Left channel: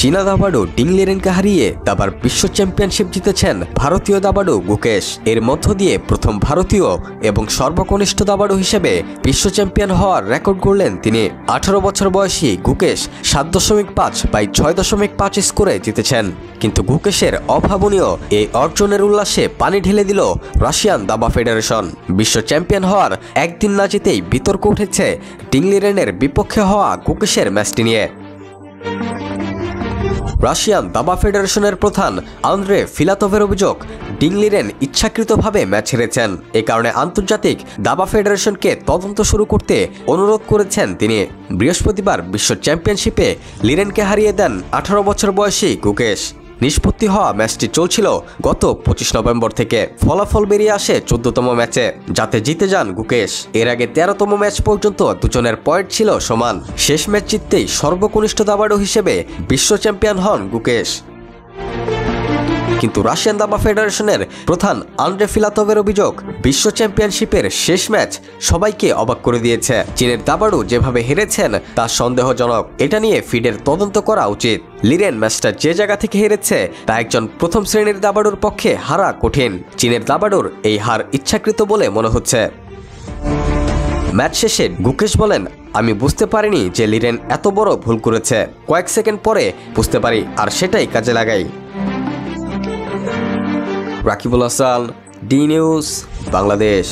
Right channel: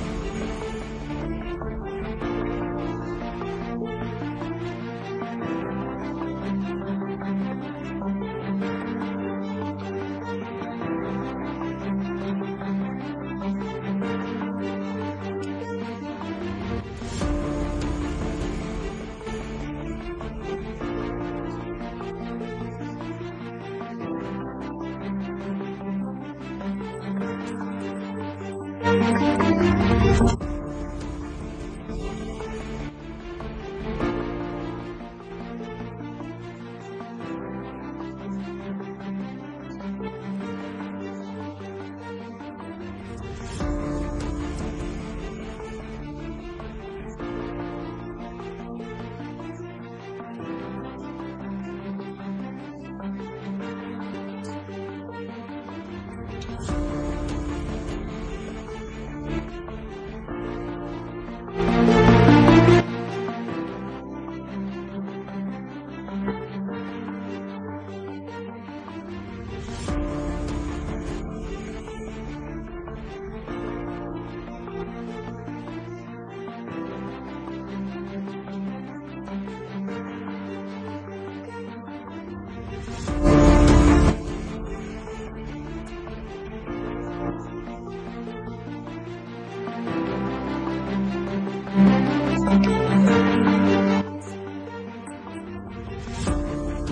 চীনা দাবাড়ু ডিং লিরেনকে হারিয়ে দাবার বিশ্ব চ্যাম্পিয়নশিপ জিতেছেন ভারতীয় দাবাড়ু গুকেশ। এর মধ্য দিয়ে প্রথম ভারতীয় এবং সর্বকনিষ্ঠ দাবাড়ু হিসেবে বিশ্ব চ্যাম্পিয়ন হওয়ার রেকর্ড গড়লেন তিনি। 18 বছর বয়সী গুকেশ 7.5/6.5 স্কোরে জিতেছেন। কিন্তু গুকেশের অভাবনীয় এই অর্জনের উল্লাসে পানি ঢেলে দিল রাশিয়ান দাবা ফেডারেশন। বিশ্ব চ্যাম্পিয়ন হওয়ার একদিন না যেতেই বিতর্ক উঠেছে ডিং লিরেনের বিপক্ষে হওয়া গুকেশের ম্যাচটি নিয়ে। রাশিয়ান দাবা ফেডারেশনের প্রধান আন্দ্রে ফিলাতভের অভিযোগ, ডিং লিরেন ইচ্ছাকৃতভাবে ম্যাচ হেরেছেন। এ কারণে আন্তর্জাতিক দাবা ফেডারেশনকে তদন্ত শুরু করতে অনুরোধ করেছেন তিনি। বৃহস্পতিবার বিশ্ব চ্যাম্পিয়নশিপে লিরেনকে হারিয়ে দেন 18 বছর বয়সী গুকেশ। নিষ্পত্তি হওয়া ম্যাচটি চলছিল গত 25 নভেম্বর থেকে। ফলাফল বেরিয়ে আসে 14তম ম্যাচে, যাতে জিতে যান গুকেশ। এর আগে 13তম ম্যাচ পর্যন্ত দুজনের পয়েন্ট ছিল সমান। শেষ ম্যাচ জিততেই সর্বকনিষ্ঠ দাবাড়ু হিসেবে বিশ্ব চ্যাম্পিয়ন হন গুকেশ। কিন্তু রাশিয়ান দাবা ফেডারেশনের প্রধান আন্দ্রে ফিলাতভের অভিযোগ, বিশ্ব চ্যাম্পিয়নশিপের শেষ ম্যাচ সবাইকে অবাক করে দিয়েছে। চীনের দাবাড়ু যেভাবে হেরেছেন তা সন্দেহজনক। এটা নিয়ে ফিডের তদন্ত করা উচিত। লিরেন ম্যাচটা যে জায়গা থেকে হেরেছে তা একজন প্রথম শ্রেণীর দাবাড়ুর পক্ষে হারা কঠিন। চীনের দাবাড়ুর এই হার ইচ্ছাকৃত বলে মনে হচ্ছে। ম্যাচ শেষে গুকেশ বলেন, আমি বুঝতে পারিনি যে লিরেন এত বড় ভুল করেছে। কয়েক সেকেন্ড পরে বুঝতে পারি আর সেটাই কাজে লাগাই। Rakibul Hasan, D news, Bangladesh.